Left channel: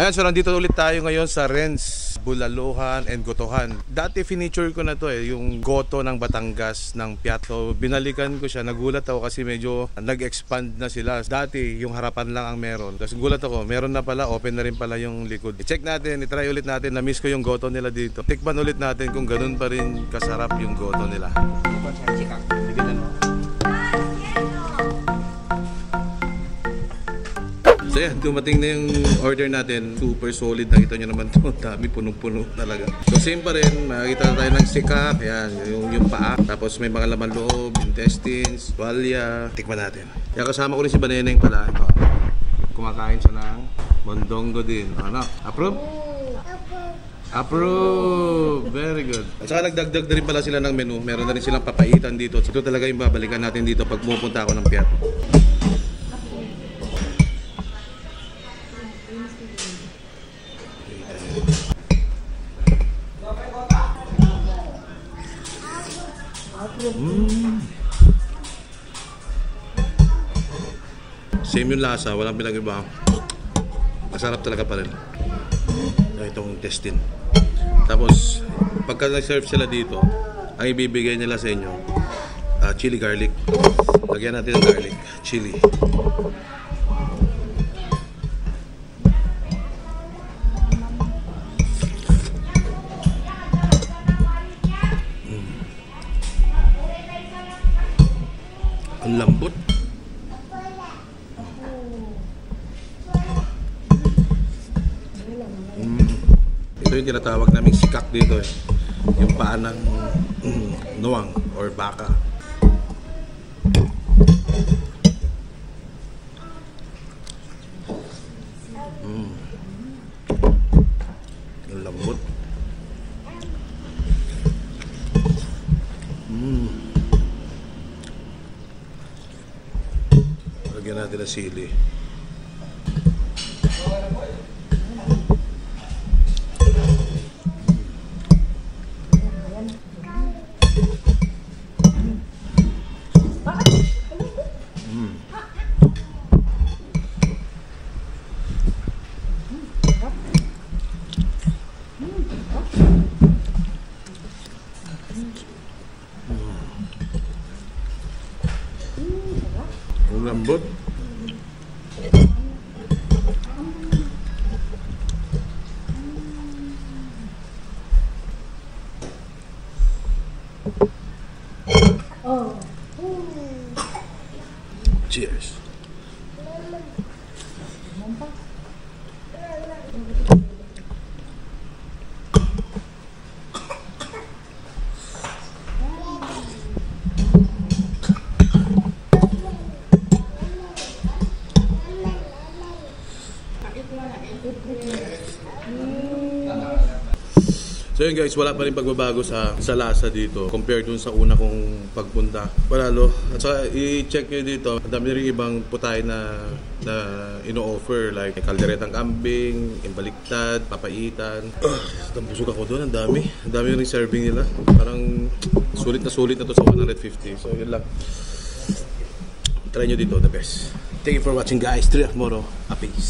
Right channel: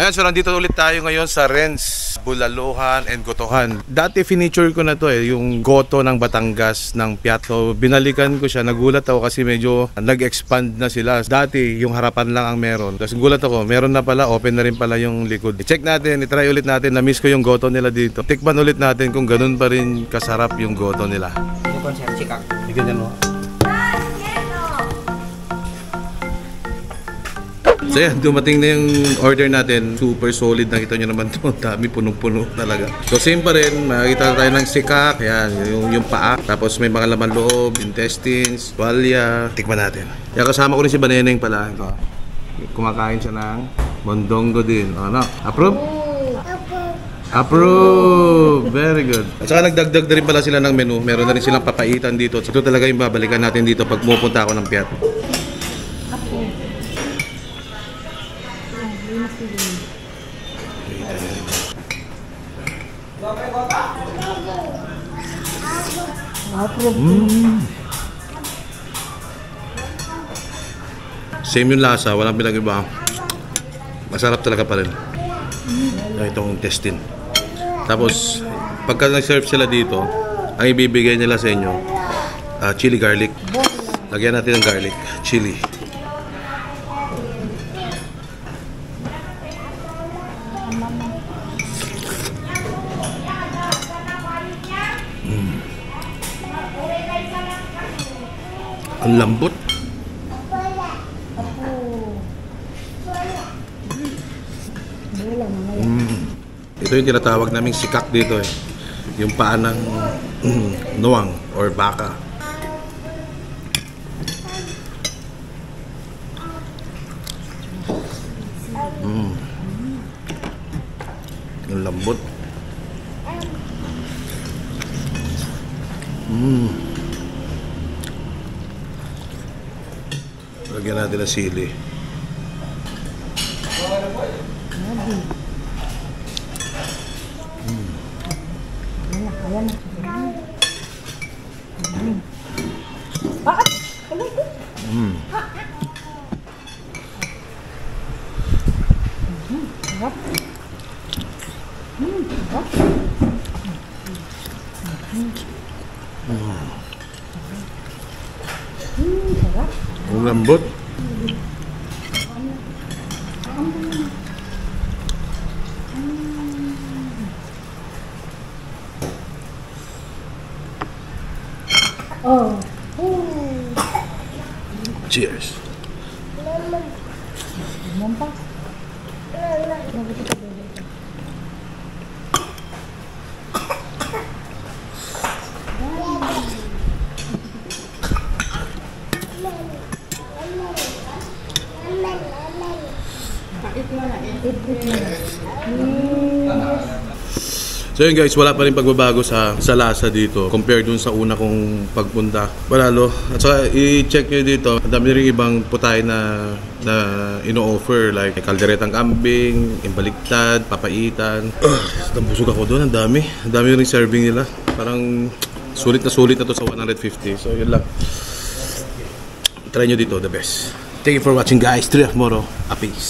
Ayan, so nandito ulit tayo ngayon sa Renz, Bulaluhan and Gotohan. Dati finiture ko na to yung Goto ng Batangas ng Piatto. Binalikan ko siya, nagulat ako kasi medyo nag-expand na sila. Dati yung harapan lang ang meron. Tapos gulat ako, meron na pala, open na rin pala yung likod. I-check natin, i-try ulit natin. Na-miss ko yung Goto nila dito. Tikman ulit natin kung ganun pa rin kasarap yung Goto nila. Bukon siya, chikak. Tignan mo. So yan, dumating na yung order natin. Super solid, nakita nyo naman ito. Dami, punong-puno talaga. So same pa rin, makikita tayo ng sikak. Yan, yung paa. Tapos may mga laman loob, intestines, tuwalya. Tikman natin. Yan, kasama ko rin si Baneneng pala. Ito. Kumakain siya ng mondongo din. Ano? Approve? Approve! Very good. At saka nagdagdag na rin pala sila ng menu. Meron na rin silang papaitan dito. So ito talaga yung babalikan natin dito pag pupunta ako ng Piatto. Same yung lasa, walang pinag-iba. Masarap talaga pa rin. Itong intestine. Tapos, pagka nag-serve sila dito, ang ibibigay nila sa inyo, chili garlic. Lagyan natin ng garlic, chili. Ang lambot. Ito yung tinatawag naming sikak dito yung paa ng nuwang or baka. Ang lambot. Lagyan natin ng sili. Ang lambot. Cheers. So yun guys, wala pa rin pagbabago sa lasa dito compare dun sa una kong pagpunta. Palalo. At saka i-check nyo dito, ang dami rin ibang putay na ino-offer like kalderetang kambing, imbaliktad, papaitan. Busog ako doon, ang dami. Ang dami rin serving nila. Parang sulit na to sa 150. So yun lang. Try nyo dito, the best. Thank you for watching guys. 3 of Moro. A peace.